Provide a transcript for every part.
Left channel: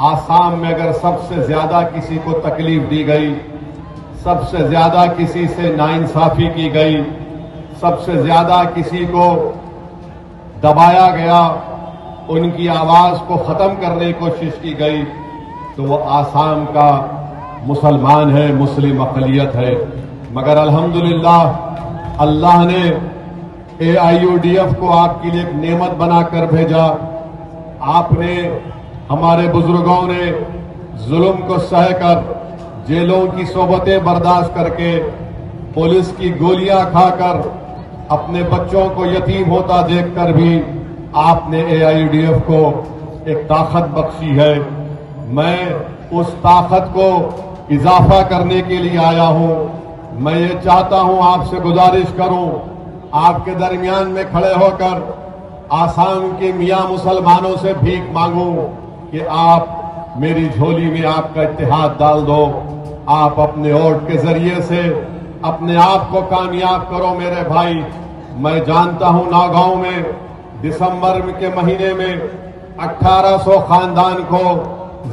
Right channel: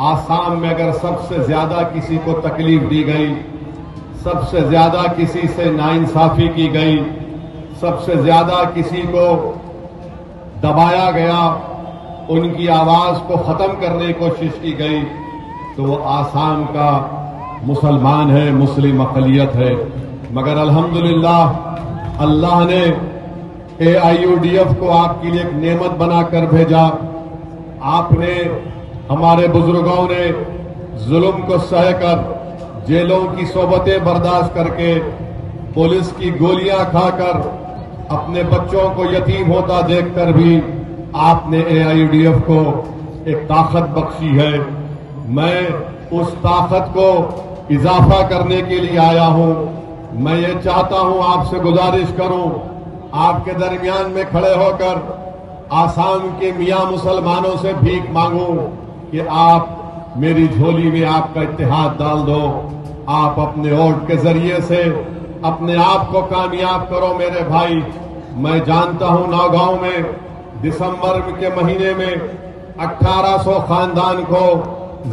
आसाम में अगर सबसे ज्यादा किसी को तकलीफ दी गई, सबसे ज्यादा किसी से नाइंसाफी की गई, सबसे ज्यादा किसी को दबाया गया, उनकी आवाज को खत्म करने की कोशिश की गई, तो वो आसाम का मुसलमान है, मुस्लिम अक़लियत है। मगर अल्हम्दुलिल्लाह अल्लाह ने AIUDF को आपके लिए एक नेमत बनाकर भेजा। आपने, हमारे बुजुर्गों ने जुल्म को सहकर, जेलों की सोबतें बर्दाश्त करके, पुलिस की गोलियां खाकर, अपने बच्चों को यतीम होता देखकर भी आपने AIUDF को एक ताकत बख्शी है। मैं उस ताकत को इजाफा करने के लिए आया हूं। मैं ये चाहता हूं, आपसे गुजारिश करूं, आपके दरमियान में खड़े होकर आसाम के मियां मुसलमानों से भीख मांगूं कि आप मेरी झोली में आपका इत्तेहाद डाल दो। आप अपने वोट के जरिए से अपने आप को कामयाब करो मेरे भाई। मैं जानता हूं नौगांव में दिसंबर के महीने में 1800 खानदान को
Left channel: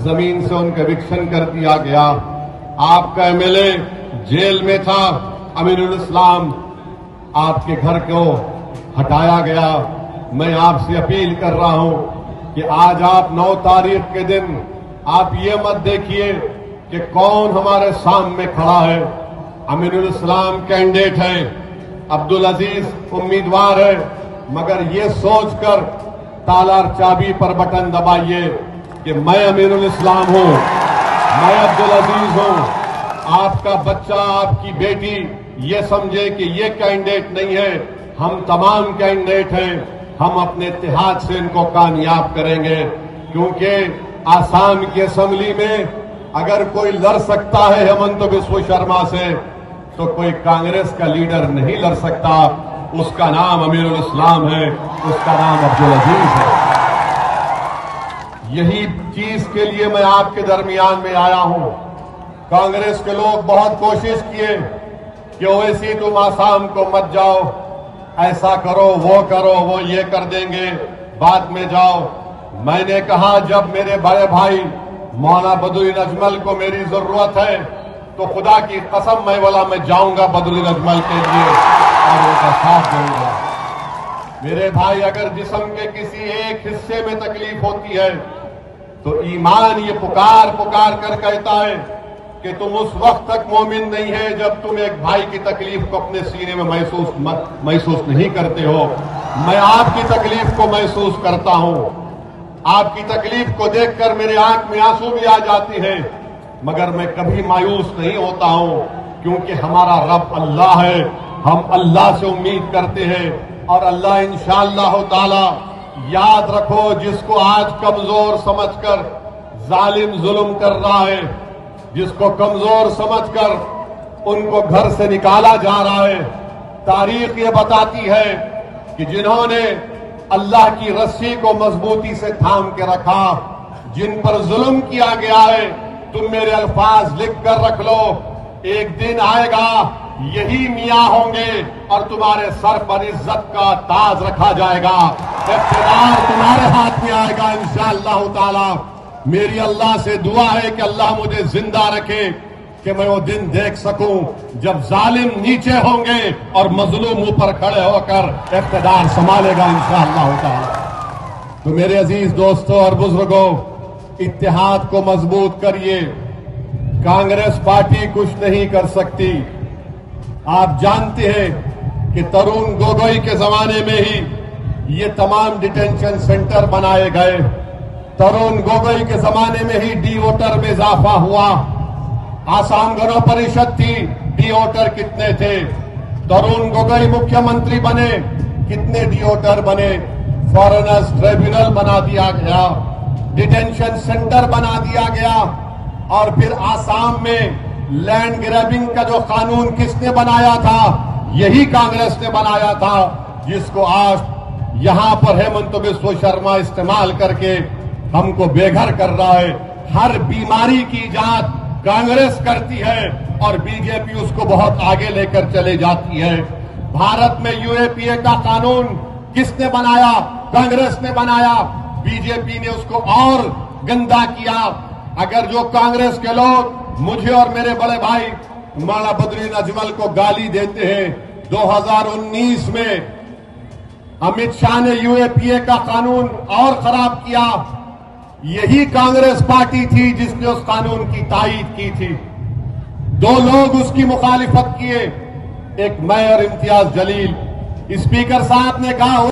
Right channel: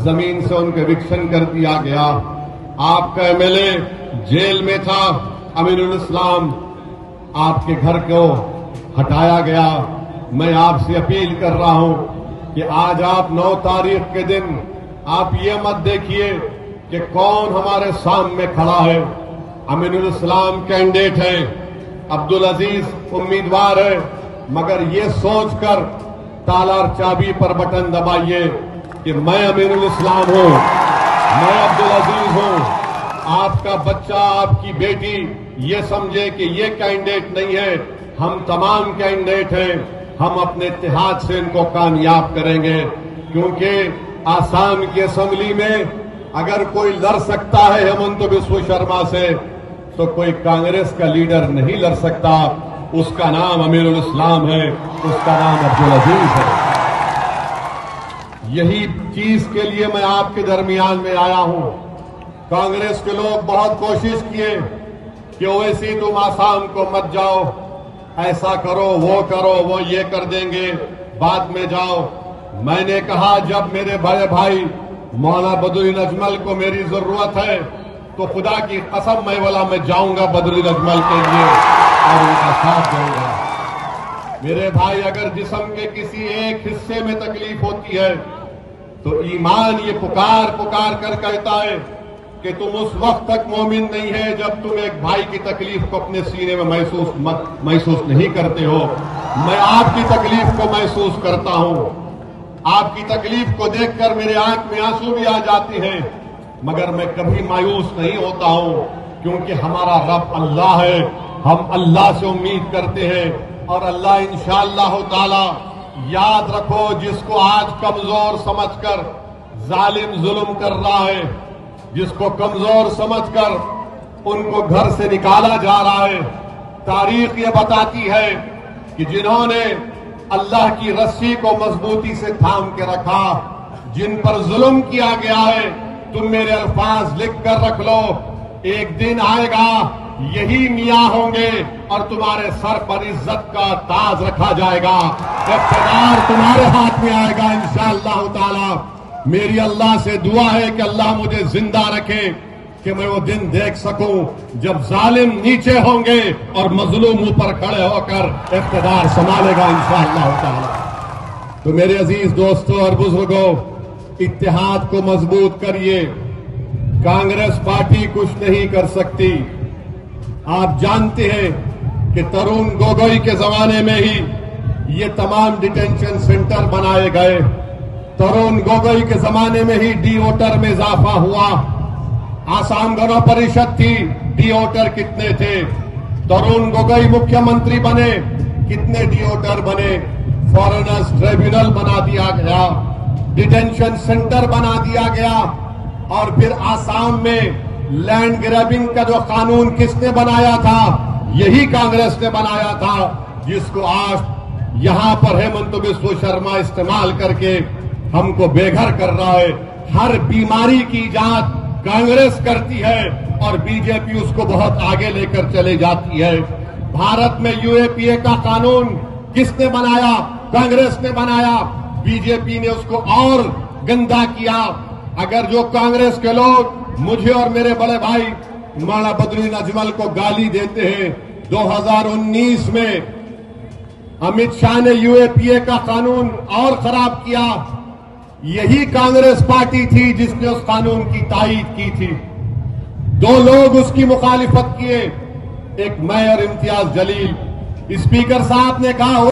जमीन से उनका एविक्शन कर दिया गया। आपका MLA जेल में था, अमीनुल इस्लाम, आपके घर को हटाया गया। मैं आपसे अपील कर रहा हूं कि आज आप 9 तारीख के दिन आप ये मत देखिए कि कौन हमारे सामने खड़ा है। अमीनुल इस्लाम कैंडिडेट है, अब्दुल अजीज उम्मीदवार है, मगर ये सोचकर ताला और चाबी पर बटन दबाइए कि मैं अमीनुल इस्लाम हूं, मैं अब्दुल अजीज हूं। आपका बच्चा, आपकी बेटी ये समझे कि ये कैंडिडेट नहीं है, हम तमाम कैंडिडेट हैं। हम अपने इत्तेहाद से इनको कामयाब करेंगे, क्योंकि आसाम की असेंबली में अगर कोई लड़ सकता है हेमंत बिस्व शर्मा से, तो कोई कांग्रेस का लीडर नहीं लड़ सकता। उसका नाम अमीरुल इस्लाम है, उसका नाम अब्दुल अजीज है। यही चीज के लिए मैं आपके दरमियान में आया हूं। कांग्रेस के लोग बहुत कोशिश किए कि ओवैसी तुम आसाम को मत जाओ, ऐसा करो, वो ये कर देंगे, बाद में जाओ। मैंने कहा जब मेरे बड़े भाई मौलाना बदरुद्दीन अजमल को मेरी जरूरत है तो खुदा की कसम मैं जाऊंगा बदरुद्दीन अजमल के लिए और उनका साथ दूंगा। मेरे भाई, अगर जिस्म के किसी एक हिस्से में तकलीफ होती है तो ईमान ये पुकार कर कहता है कि तुम उस वक्त तक मोमिन नहीं है जब तुम एक भाई की तकलीफ को अपने सीने में महसूस नहीं करते हो। मैं आपकी तकलीफ को महसूस करता हूं। आपकी तकलीफ को देखकर मेरे आंख में आंसू भी आ जाते हैं, मगर मैं कभी मायूस नहीं होता हूं, क्योंकि हमारा रब अल्लाह है। हम अल्लाह से उम्मीद करते हैं और अल्लाह इंशाअल्लाह ताला, याद रखो, जिसको आज कमजोर समझकर जालिम जुल्म कर रहा है, जिसको कमजोर समझकर उनको घर से निकाला जा रहा है, तारीख ये बताती है कि जिन्होंने अल्लाह की रस्सी को मजबूती से थाम के रखा, जिन पर जुल्म किया गया है, तुम मेरे अल्फाज लिख कर रख लो, एक दिन आएगा यही मियां होंगे और तुम्हारे सर पर इज्जत का ताज रखा जाएगा, इख्तियार तुम्हारे हाथ में आएगा इंशाअल्लाह ताला। मेरी अल्लाह से दुआ है कि अल्लाह मुझे जिंदा रखे कि मैं वो दिन देख सकूं जब जालिम नीचे होंगे और मजलूम ऊपर खड़े होकर इख्तियार संभालेगा इंशाअल्लाह ताला। तो मेरे अजीज दोस्तों और बुजुर्गों, इत्तेहाद को मजबूत करिए। कांग्रेस पार्टी कुछ नहीं कर सकती। आप जानते हैं कि तरुण गोगोई के जमाने में ही ये तमाम डिटेंशन सेंटर बनाए गए। तरुण गोगोई के जमाने में ही डी वोटर में इजाफा हुआ। आसाम गण परिषद थी, डी वोटर कितने थे? तरुण गोगोई मुख्यमंत्री बने, कितने डी वोटर बने? फॉरेनर्स ट्रिब्यूनल बना दिया गया, डिटेंशन सेंटर बना दिया गया, और फिर आसाम में लैंड ग्रैबिंग का जो कानून किसने बनाया था? यही कांग्रेस ने बनाया था, जिसको आज यहां पर हेमंत बिस्व शर्मा इस्तेमाल करके हमको बेघर कर रहा है। हर बीमारी की जांच कांग्रेस करती है और बीजेपी उसको बहुत आगे लेकर चले जाती है। भारत में यूएपीए का कानून किसने बनाया? कांग्रेस ने बनाया। बीजेपी ने उसको और गंदा किया। अगर जो कांग्रेस के लोग मुझे और मेरे बड़े भाई मौलाना बदरुद्दीन अजमल को गाली देते हैं, 2019 में अमित शाह ने यूएपीए का कानून और खराब किया। यही कांग्रेस पार्टी थी जिसने उस कानून की तायीद की थी। 2 लोग उसकी मुखालिफत किए, एक मैं और इम्तियाज जलील। स्पीकर साहब ने कहा